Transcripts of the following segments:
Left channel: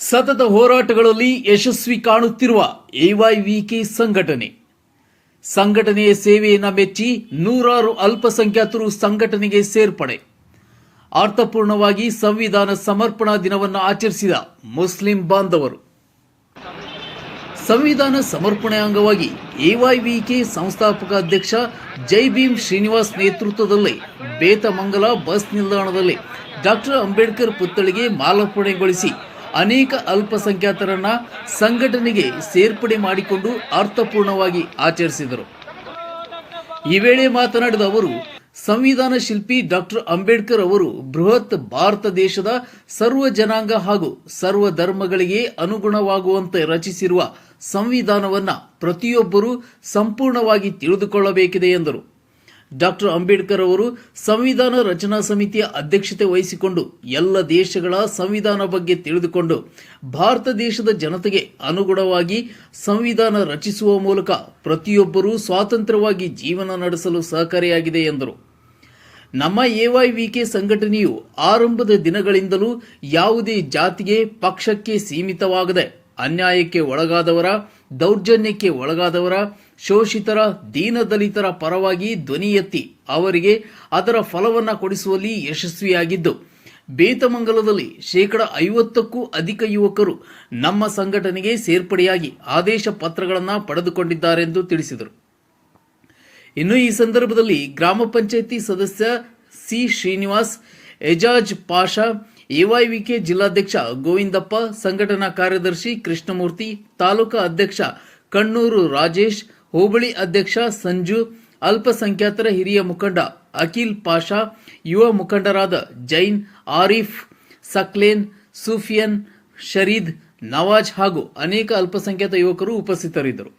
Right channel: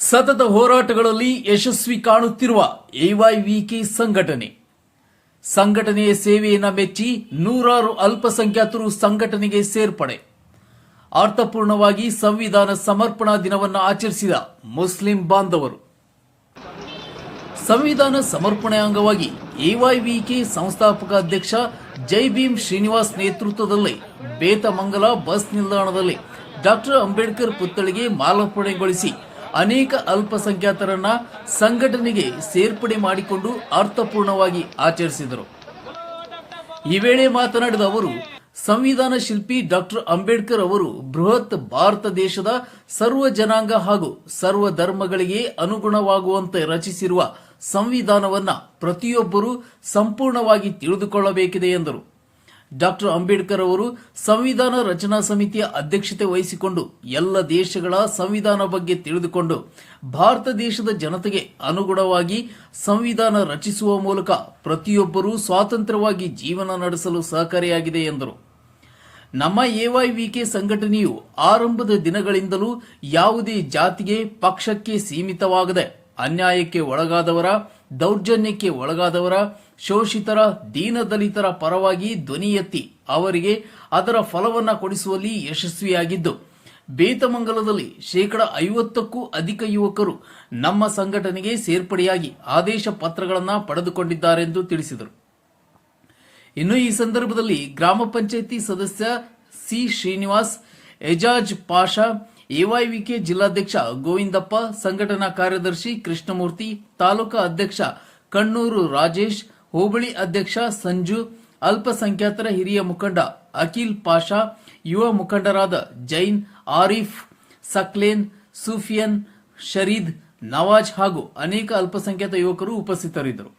ಸತತ ಹೋರಾಟಗಳಲ್ಲಿ ಯಶಸ್ವಿ ಕಾಣುತ್ತಿರುವ ಎವೈವಿಕೆ ಸಂಘಟನೆಯ ಸೇವೆಯನ್ನು ಮೆಚ್ಚಿ ನೂರಾರು ಅಲ್ಪಸಂಖ್ಯಾತರು ಸಂಘಟನೆಗೆ ಸೇರ್ಪಡೆ. ಅರ್ಥಪೂರ್ಣವಾಗಿ ಸಂವಿಧಾನ ಸಮರ್ಪಣಾ ದಿನವನ್ನು ಆಚರಿಸಿದ ಮುಸ್ಲಿಂ ಬಾಂಧವರು. ಸಂವಿಧಾನ ಸಮರ್ಪಣೆ ಅಂಗವಾಗಿ ಎವೈವಿಕೆ ಸಂಸ್ಥಾಪಕ ಅಧ್ಯಕ್ಷ ಜೈ ಭೀಮ್ ಶ್ರೀನಿವಾಸ್ ನೇತೃತ್ವದಲ್ಲಿ ಬೇತಮಂಗಲ ಬಸ್ ನಿಲ್ದಾಣದಲ್ಲಿ ಡಾಕ್ಟರ್ ಅಂಬೇಡ್ಕರ್ ಪುತ್ಥಳಿಗೆ ಮಾಲಾರ್ಪಣೆಗೊಳಿಸಿ ಅನೇಕ ಅಲ್ಪಸಂಖ್ಯಾತರನ್ನ ಸಂಘಟನೆಗೆ ಸೇರ್ಪಡೆ ಮಾಡಿಕೊಂಡು ಅರ್ಥಪೂರ್ಣವಾಗಿ ಆಚರಿಸಿದರು. ಈ ವೇಳೆ ಮಾತನಾಡಿದ ಅವರು, ಸಂವಿಧಾನ ಶಿಲ್ಪಿ ಡಾಕ್ಟರ್ ಅಂಬೇಡ್ಕರ್ ಅವರು ಬೃಹತ್ ಭಾರತ ದೇಶದ ಸರ್ವ ಜನಾಂಗ ಹಾಗೂ ಸರ್ವ ಧರ್ಮಗಳಿಗೆ ಅನುಗುಣವಾಗುವಂತೆ ರಚಿಸಿರುವ ಸಂವಿಧಾನವನ್ನ ಪ್ರತಿಯೊಬ್ಬರೂ ಸಂಪೂರ್ಣವಾಗಿ ತಿಳಿದುಕೊಳ್ಳಬೇಕಿದೆ ಎಂದರು. ಡಾಕ್ಟರ್ ಅಂಬೇಡ್ಕರ್ ಅವರು ಸಂವಿಧಾನ ರಚನಾ ಸಮಿತಿಯ ಅಧ್ಯಕ್ಷತೆ ವಹಿಸಿಕೊಂಡು ಎಲ್ಲ ದೇಶಗಳ ಸಂವಿಧಾನ ಬಗ್ಗೆ ತಿಳಿದುಕೊಂಡು ಭಾರತ ದೇಶದ ಜನತೆಗೆ ಅನುಗುಣವಾಗಿ ಸಂವಿಧಾನ ರಚಿಸುವ ಮೂಲಕ ಪ್ರತಿಯೊಬ್ಬರೂ ಸ್ವಾತಂತ್ರ್ಯವಾಗಿ ಜೀವನ ನಡೆಸಲು ಸಹಕಾರಿಯಾಗಿದೆ ಎಂದರು. ನಮ್ಮ ಎವೈವಿಕೆ ಸಂಘಟನೆಯು ಆರಂಭದ ದಿನಗಳಿಂದಲೂ ಯಾವುದೇ ಜಾತಿಗೆ, ಪಕ್ಷಕ್ಕೆ ಸೀಮಿತವಾಗದೆ ಅನ್ಯಾಯಕ್ಕೆ ಒಳಗಾದವರ, ದೌರ್ಜನ್ಯಕ್ಕೆ ಒಳಗಾದವರ, ಶೋಷಿತರ, ದೀನದಲಿತರ ಪರವಾಗಿ ಧ್ವನಿ ಎತ್ತಿ ಅವರಿಗೆ ಅದರ ಫಲವನ್ನು ಕೊಡಿಸುವಲ್ಲಿ ಯಶಸ್ವಿಯಾಗಿದ್ದು, ಬೇತಮಂಗಲದಲ್ಲಿ 50%ಕ್ಕೂ ಅಧಿಕ ಯುವಕರು ನಮ್ಮ ಸಂಘಟನೆಗೆ ಸೇರ್ಪಡೆಯಾಗಿ ಆದೇಶ ಪತ್ರಗಳನ್ನು ಪಡೆದುಕೊಂಡಿದ್ದಾರೆಂದು ತಿಳಿಸಿದರು. ಇನ್ನು ಈ ಸಂದರ್ಭದಲ್ಲಿ ಗ್ರಾಮ ಪಂಚಾಯಿತಿ ಸದಸ್ಯ ಸಿ ಶ್ರೀನಿವಾಸ್, ಎಜಾಜ್ ಪಾಷಾ, ಎವೈವಿಕೆ ಜಿಲ್ಲಾಧ್ಯಕ್ಷ ಗೋವಿಂದಪ್ಪ, ಸಂಘಟನಾ ಕಾರ್ಯದರ್ಶಿ ಕೃಷ್ಣಮೂರ್ತಿ, ತಾಲೂಕಾ ಅಧ್ಯಕ್ಷ ಕಣ್ಣೂರು ರಾಜೇಶ್, ಹೋಬಳಿ ಅಧ್ಯಕ್ಷ ಸಂಜು, ಅಲ್ಪಸಂಖ್ಯಾತರ ಹಿರಿಯ ಮುಖಂಡ ಅಖಿಲ್ ಪಾಷಾ, ಯುವ ಮುಖಂಡರಾದ ಜೈನ್, ಆರಿಫ್, ಸಕ್ಲೇನ್, ಸೂಫಿಯನ್, ಶರೀದ್, ನವಾಜ್ ಹಾಗೂ ಅನೇಕ ಅಲ್ಪಸಂಖ್ಯಾತ ಯುವಕರು ಉಪಸ್ಥಿತರಿದ್ದರು.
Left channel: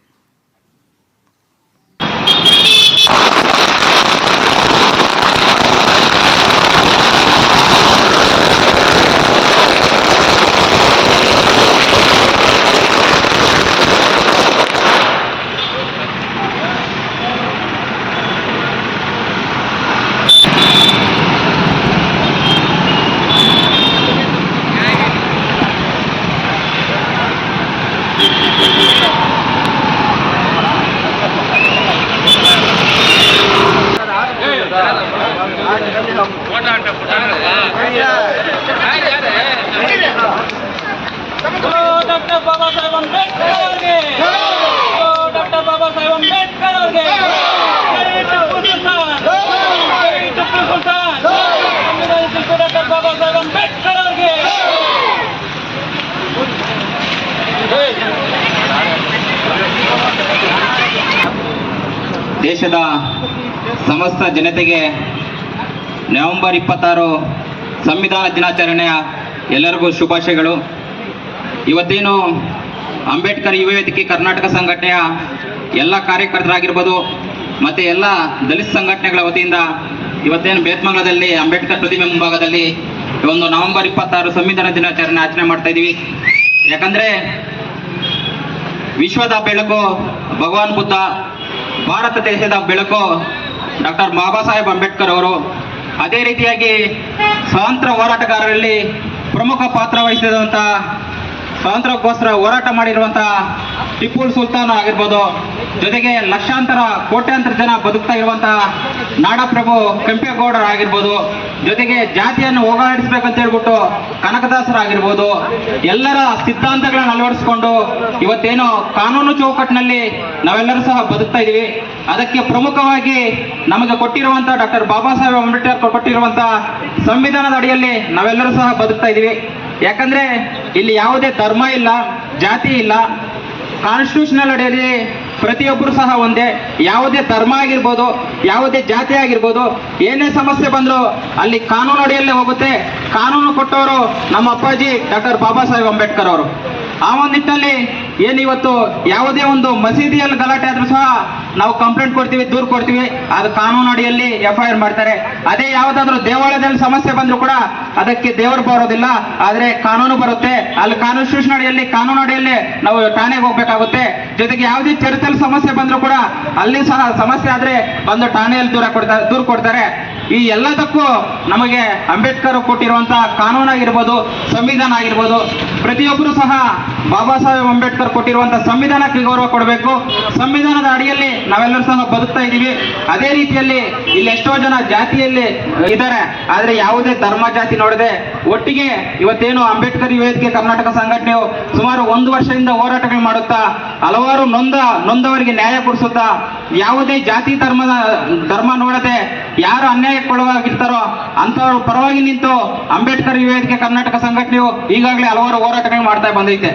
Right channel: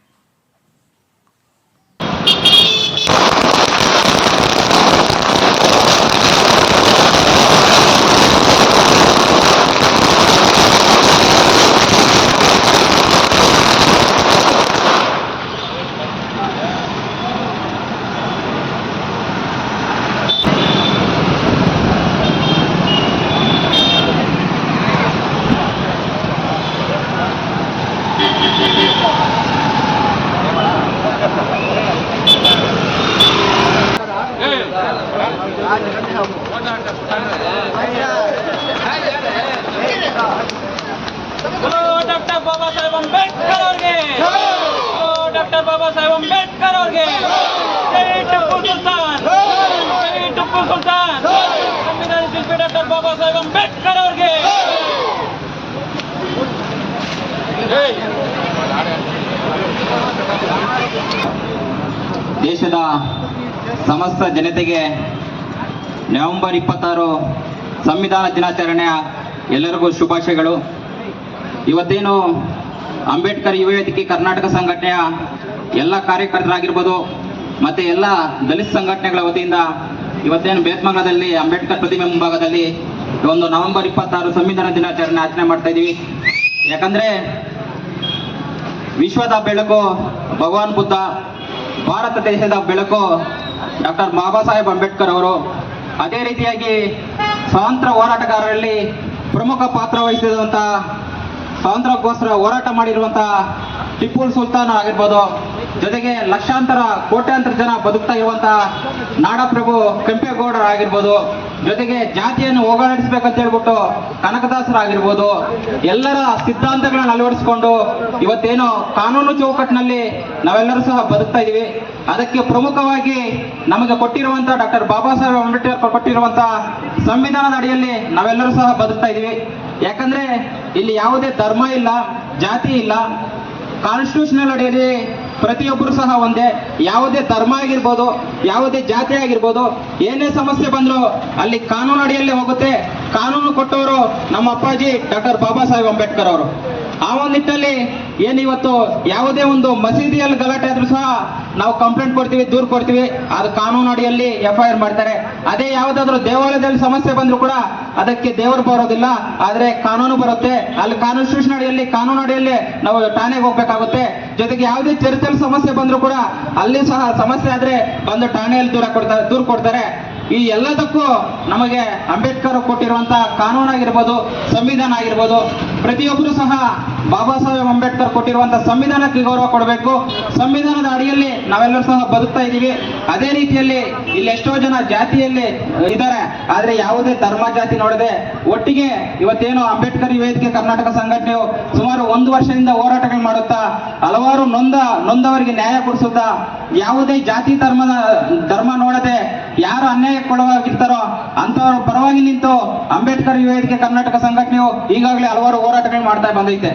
डॉक्टर बाबा साहेब अंबेडकर ಅವರಿಗೆ डॉक्टर बाबा साहेब अंबेडकर ಅವರಿಗೆ ಟಿಪ್ಪು ಸುಲ್ತಾನ್ ಸಂವಿಧಾನ ಶಿಲ್ಪಿ ಡಾಕ್ಟರ್ ಬಾಬಾ ಸಾहेಬ್ ಅಂಬೇಡ್ಕರ್ ಅವರಿಗೆ ದೇಶದ ಸಮಸ್ತ ಜನತೆಗೆ ನವೆಂಬರ್ 26 ಸಂವಿಧಾನ ದಿನಾಚರಣೆಯ ಎಲ್ಲರಿಗೂ ಶುಭಾಶಯಗಳು. ಇವತ್ತೇನು ಅಂಬೇಡ್ಕರ್ ಯುವ ವೇದಿಕೆ ಕರ್ನಾಟಕ ಸಂಘಟನೆಯ ಎಲ್ಲ ಕಾರ್ಯಕರ್ತರಾಗಿರ್ಬೋದು ಮತ್ತು ಎಲ್ಲ ದಲಿತ ಸಂಘಟನೆಗಳ ವತಿಯಿಂದ ಇವತ್ತೇನು ಬೇತಮಂಗಲದಲ್ಲಿ ಅಂಬೇಡ್ಕರ್ ಪ್ರತಿಮೆ ಮುಂಭಾಗದಲ್ಲಿ ಒಂದು ನವೆಂಬರ್ 26 ಸಂವಿಧಾನ ದಿನಾಚರಣೆ ಆಚರಣೆ ಮಾಡ್ತಾ ಇದ್ದೀವಿ. ಯಾಕಂದರೆ ವಿಶ್ವದ ಬೆಳಕು ಭಗವಾನ್ ಬುದ್ಧ, ಭಾರತ ದೇಶದ ಬೆಳಕು ಡಾಕ್ಟರ್ ಬಾಬಾ ಸಾಹೇಬ್ ಅಂಬೇಡ್ಕರ್ ಅವರು. ಅದೇ ರೀತಿಯಾಗಿ ಸ್ವಾತಂತ್ರ್ಯ ಹೋರಾಟಗಾರರಲ್ಲಿ ಪ್ರಮುಖ ಪಾತ್ರ ವಹಿಸಿದಂಥ, ಸ್ವಾತಂತ್ರ್ಯಕ್ಕೋಸ್ಕರ ಹೋರಾಟ ಮಾಡಿರುವಂತಹ ಟಿಪ್ಪು ಸುಲ್ತಾನ್ ಆಗಿರ್ಬೋದು, ಜೊತೆಗೆ ಲಕ್ಷಾಂತರ ಕೋಟ್ಯಾಂತರ ಜನ ಬದುಕ್ತಾ ಇರುವಂತಹ ನಾಡಪ್ರಭು ಕೆಂಪೇಗೌಡರು ಆಗಿರ್ಬೋದು, ಜೊತೆಗೆ ಜಾತಿಯನ್ನು ಹೋಗಲಾಡಿಸ್ಬೇಕಂತ ಹೇಳ್ಬಿಟ್ಟು ಕನಕದಾಸರಾಗಿರ್ಬೋದು, ಎಲ್ಲರ ಸಿದ್ಧಾಂತಗಳನ್ನ ಅಳವಡಿಸಿಕೊಂಡು ಇವತ್ತೇನು ಕಾನೂನು ಚೌಕಟ್ಟಿನಲ್ಲಿ ನಾವೆಲ್ಲರೂ ಸಹ ಬದುಕ್ತಾ ಇದ್ದೀವಿ. ಅದಕ್ಕೆ ಪ್ರಮುಖವಾಗಿ ನಮಗೆ ಕೊಟ್ಟಿರುವಂತಹ ಡಾಕ್ಟರ್ ಬಾಬಾ ಸಾಹೇಬ್ ಅಂಬೇಡ್ಕರ್ ಕೊಟ್ಟಿರುವಂತಹ ಸಂವಿಧಾನದ ಅಡಿಯಲ್ಲಿ ನಾವೆಲ್ಲರೂ ಸಹ ಬದುಕ್ತಾ ಇದ್ದೀವಿ. ಯಾಕಂದ್ರೆ ಇಲ್ಲಿ ಯಾವುದೇ ಧರ್ಮ ಇಲ್ಲ, ಜಾತಿ ಇಲ್ಲ. ಕಾನ್ಸ್ಟಿಟ್ಯೂಷನಲ್ ಅಡಿಯಲ್ಲಿ ಪ್ರತಿಯೊಬ್ಬರು ಸಹ ಒಂದೇ. ಯಾವುದೇ ಧರ್ಮ ಆಗಿರ್ಬೋದು, ಯಾವುದೇ ಜಾತಿ ಆಗಿರ್ಬೋದು, ಏನೇ ಸಮಸ್ಯೆ ಬಂದರೂ ಅಲ್ಲಿ ಕಾನೂನು ಅಡಿಯಲ್ಲೇ ಹೋಗುತ್ತೆ. ಕಾನೂನು ಕೊಟ್ಟವರು ನಮ್ಮ ಅಪ್ಪಾಜಿ ಡಾಕ್ಟರ್ ಬಾಬಾ ಸಾಹೇಬ್ ಅಂಬೇಡ್ಕರ್ ಅವರು. ಆ ಒಂದು ನಿಟ್ಟಿನಲ್ಲಿ ಏನಿವತ್ತು ಯಾವುದೇ ಒಂದು ಮಸೀದಿಯಲ್ಲಿ ಗಲಾಟೆ ಆದರೂ ಸಹ ನಾವು ಕಂಪ್ಲೇಂಟ್ ಕೊಡ್ತೀವಿ, ದೂರು ಕೊಡ್ತೀವಿ, ಅದು ಕಾನೂನು ಅಡಿಯಲ್ಲಿ FIR ಮಾಡ್ತಾರೆ. ಅದೇ ಯಾವುದಾದ್ರೂ ದೇವಾಲಯದಲ್ಲಿ ಸಮಸ್ಯೆ ಬಂದ್ರು ಕೂಡ ಅದಕ್ಕೆ ದೇವರು ಬರೋದಿಲ್ಲ, ಆದ್ರೆ ಕಾನೂನು ಬರುತ್ತೆ. ಅಲ್ಲಿ ಕಾನ್ಸ್ಟಿಟ್ಯೂಷನ್ ಅಡಿಯಲ್ಲಿ, ಕಾನೂನು ಅಡಿಯಲ್ಲಿ ನಾವು ಠಾಣೆಗೆ ಹೋಗ್ಬೇಕಾಗುತ್ತೆ. ಜೊತೆಗೆ ಯಾವುದೇ ಚರ್ಚಲ್ಲಿ ಸಮಸ್ಯೆ ಬಂದ್ರು ಕೂಡ ಅಲ್ಲಿ ಸಹ ಸಮಸ್ಯೆ ಆದ್ರೆ ಬಂದು ಠಾಣೆಯಲ್ಲಿ ದೂರು ಕೊಡ್ತಾರೆ. ಈ ಎಲ್ಲದಕ್ಕೂ ನಮಗೆ ಅಂಬೇಡ್ಕರ್ ಕೊಟ್ಟಿರುವಂತಹ ಕಾನೂನು ಆಗಿರ್ಬೋದು, ಸಂವಿಧಾನ ಆಗಿರ್ಬೋದು, ಪ್ರತಿಯೊಬ್ಬರು ಸಹ ಬಾಬಾ ಸಾಹೇಬ್ ಅಂಬೇಡ್ಕರ್ ಕೊಟ್ಟಿರುವಂತಹ ಸಂವಿಧಾನಕ್ಕೆ ಗೌರವ ಕೊಡಬೇಕು. ಸಂವಿಧಾನದ ಅಡಿಯಲ್ಲಿ ನಾವೆಲ್ಲರೂ ಸಹ ಬದುಕ್ತಾ ಇದ್ದೀವಿ. ಅದೇ ರೀತಿಯಲ್ಲಿ ಇಲ್ಲಿ ಎಷ್ಟೋ ಜನ ಜಾತಿಯಲ್ಲಿ ಇದ್ದಾರೆ, ಆದ್ರೆ ಯಾವುದೇ ಧರ್ಮ ಜಾತಿ ನೋಡದೆ ಒಟ್ಟಿಗೆ ಇವತ್ತೇನು ಅಂಬೇಡ್ಕರ್ ವೇದಿಕೆ ಕರ್ನಾಟಕ ಸಂಘಟನೆಯು ಸುಮಾರು 1 ವರ್ಷದಿಂದ ಹೋರಾಟಗಳು ಮಾಡುತ್ತಾ ಹಲವಾರು ನೊಂದವರಿಗೆ ನ್ಯಾಯ ಕೊಡಿಸುತ್ತಾ, ಯಾವುದೇ ಜಾತಿ ಧರ್ಮ ನೋಡದೆ ಯಾರು ಅನ್ಯಾಯಕ್ಕೊಳಗಾಗಿರ್ತಾರೋ ಅಂತವರ ಪರವಾಗಿ ನಿಂತು ಅಂಬೇಡ್ಕರ್ ವೇದಿಕೆ ಕರ್ನಾಟಕ ಸಂಘಟನೆಯು ಈಗಾಗಲೇ ಹಲವಾರು ಹೋರಾಟಗಳು ಮಾಡ್ತಾ ಬಂದೈತೆ.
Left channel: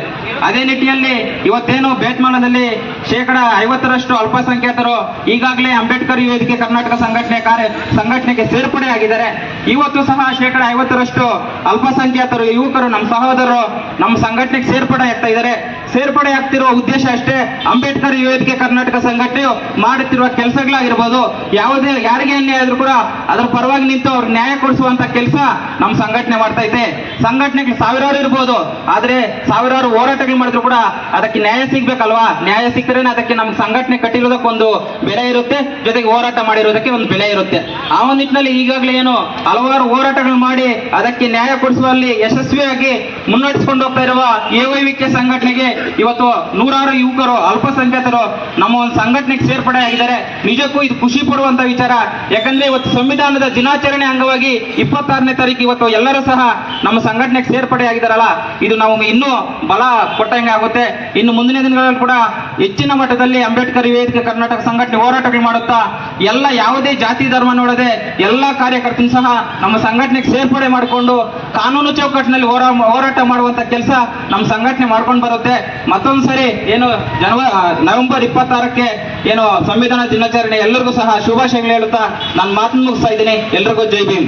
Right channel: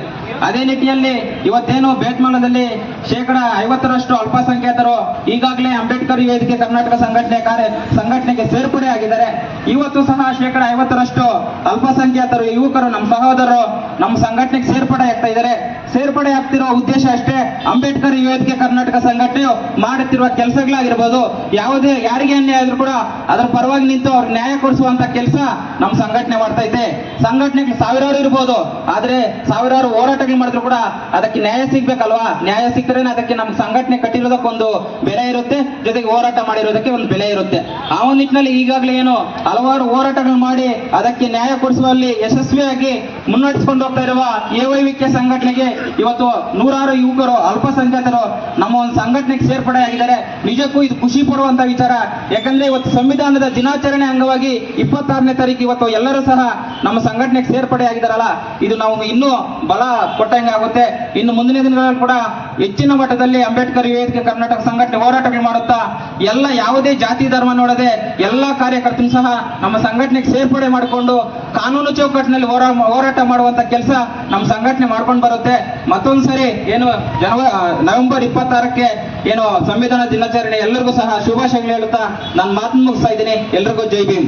ಅದೇ ನಿಟ್ಟಿನಲ್ಲಿ ಇವತ್ತೇನು ಬೇತ್ಮಂಗಲದಲ್ಲಿ 50% ಅಲ್ಪಸಂಖ್ಯಾತರು ಈಗಾಗಲೇ ಅಂಬೇಡ್ಕರ್ ವೇದಿಕೆ ಕರ್ನಾಟಕ ಸಂಘಟನೆಗೆ ಸೇರ್ಪಡೆ ಆಗಿದ್ದಾರೆ. ಇವತ್ತು ಸಹ 50% ಅಲ್ಪಸಂಖ್ಯಾತರು ಯುವಕರು, ನಮ್ಮ ಸಹೋದರರು ನಮ್ಮ ಸಂಘಟನೆಗೆ ಸೇರ್ಪಡೆ ಆಗ್ತಾ ಇದ್ದಾರೆ. ಸೇರ್ಪಡೆ ಆಗ್ತಿರೋ ಉದ್ದೇಶ ಅಷ್ಟೇ, ಅಂಬೇಡ್ಕರ್ ವೇದಿಕೆ ಕರ್ನಾಟಕ ಸಂಘಟನೆಯು ಮಾಡುತ್ತಿರುವ ಕೆಲಸಗಳಾಗಿರ್ಬೋದು, ಯಾರಿಗೆ ಅನ್ಯಾಯ ಆದ್ರೂ ಕೂಡ ಅದರ ಪರವಾಗಿ ನಿಂತು ಅವ್ರಿಗೆ ನ್ಯಾಯ ಕೊಡಿಸುವಂತ ಕೆಲಸ ನಮ್ಮ ಸಂಘಟನೆ ಮಾಡ್ತಾ ಐತೆ. ಸಂಘಟನೆಗೆ ಸಾವಿರಾರು ಇರ್ಬೋದು, ಆದ್ರೆ ಸಾವಿರಾರು ಹೋರಾಟಗಳು ಮಾಡಿದ್ರು ಕೂಡ ಅದಕ್ಕೆ ನ್ಯಾಯ ಸಿಗ್ಬೇಕಲ್ವಾ? ನ್ಯಾಯ ಸಿಕ್ಕರೇನೆ ಅದಕ್ಕೆ ನಮ್ಮ ಸಂಘಟನೆ ಕಟ್ಟಿರೋದಕ್ಕೆ ಒಂದು ಬೆಲೆ ಇರುತ್ತೆ, ಜೊತೆಗೆ ಹೋರಾಟ ಮಾಡಿರೋದಕ್ಕೆ ಒಂದು ಬೆಲೆ ಇರುತ್ತೆ. ಆ ಒಂದು ನಿಟ್ಟಿನಲ್ಲಿ ಈಗಾಗಲೇ ಏನು ಹಲವಾರು ಹೋರಾಟಗಳು ಮಾಡಿ ಅದಕ್ಕೆ ನ್ಯಾಯ ಕೊಡಿಸುವಲ್ಲಿ ಯಶಸ್ವಿಯಾಗಿ ಮುನ್ನಡೆಸಿಕೊಂಡು ಹೋಗ್ತಾ ಇರುವ AYVK ಸಂಘಟನೆಗೆ ಇವತ್ತು ನೂರಾರು ಯುವಕರು, ಅಲ್ಪಸಂಖ್ಯಾತರು ನಮ್ಮ ಒಂದು ಸಂಘಟನೆಗೆ ಸೇರ್ಪಡೆ ಆಗಿದ್ದಾರೆ. ನಿಜಕ್ಕೂ ಇದು ಖುಷಿ ಪಡುವಂತ ವಿಚಾರ. ಯಾಕಂದ್ರೆ ಇವತ್ತು ಸಂವಿಧಾನದ ದಿನಾಚರಣೆ ಅಂಗವಾಗಿ 26ನೇ ತಾರೀಕು ಇವತ್ತು ಎಲ್ಲರೂ ಸಹ ನಮ್ಮ ಸಂಘಟನೆಗೆ ಸೇರ್ಪಡೆ ಆಗಿದ್ದಾರಲ್ಲ, ಇದು ನಾವು ಇನ್ನೂ ಬಲ ಕೊಟ್ಟಂಗೆ ಆಗುತ್ತೆ. ಇನ್ನು ಮುಂದಿನ ದಿನಗಳಲ್ಲಿ ಕೂಡ ಹೆಚ್ಚಿನ ಮಟ್ಟದಲ್ಲಿ ಅಂಬೇಡ್ಕರ್ ವೇದಿಕೆ ಕರ್ನಾಟಕ ಸಂಘಟನೆ ಹೋರಾಟಗಳು ಮಾಡುತ್ತಾ ಯಾವುದೇ ಜಾತಿ ಧರ್ಮ ನೋಡದೆ ಎಲ್ಲಾ ಕಾರ್ಯಕರ್ತರು ಸಹ ನಮ್ಮ ಸಂಘಟನೆಗೆ ಸೇರ್ಪಡೆ ಮಾಡಿಕೊಂಡು ಕಾನೂನು ಚೌಕಟ್ಟಿನಲ್ಲಿ ಹೋರಾಟ ಮಾಡುವಂತ ಕೆಲಸ ನಮ್ಮ ಸಂಘಟನೆ ಮಾಡ್ಕೊಂಡು ಬರುತ್ತೆ. ಮತ್ತೊಂದ್ಸರಿ ಏನು ನವೆಂಬರ್ 26ಕ್ಕೆ ಏನು ಸಂವಿಧಾನ ದಿನಾಚರಣೆ ಎಲ್ಲರಿಗೂ ಸಹ ಶುಭಾಶಯಗಳು ಹೇಳುತ್ತಾ ನಾನು ಮಾತನ್ನು ಮುಗಿಸ್ತಾ ಇದ್ದೀನಿ. ಎಲ್ರಿಗೂ ಜೈ ಭೀಮ್.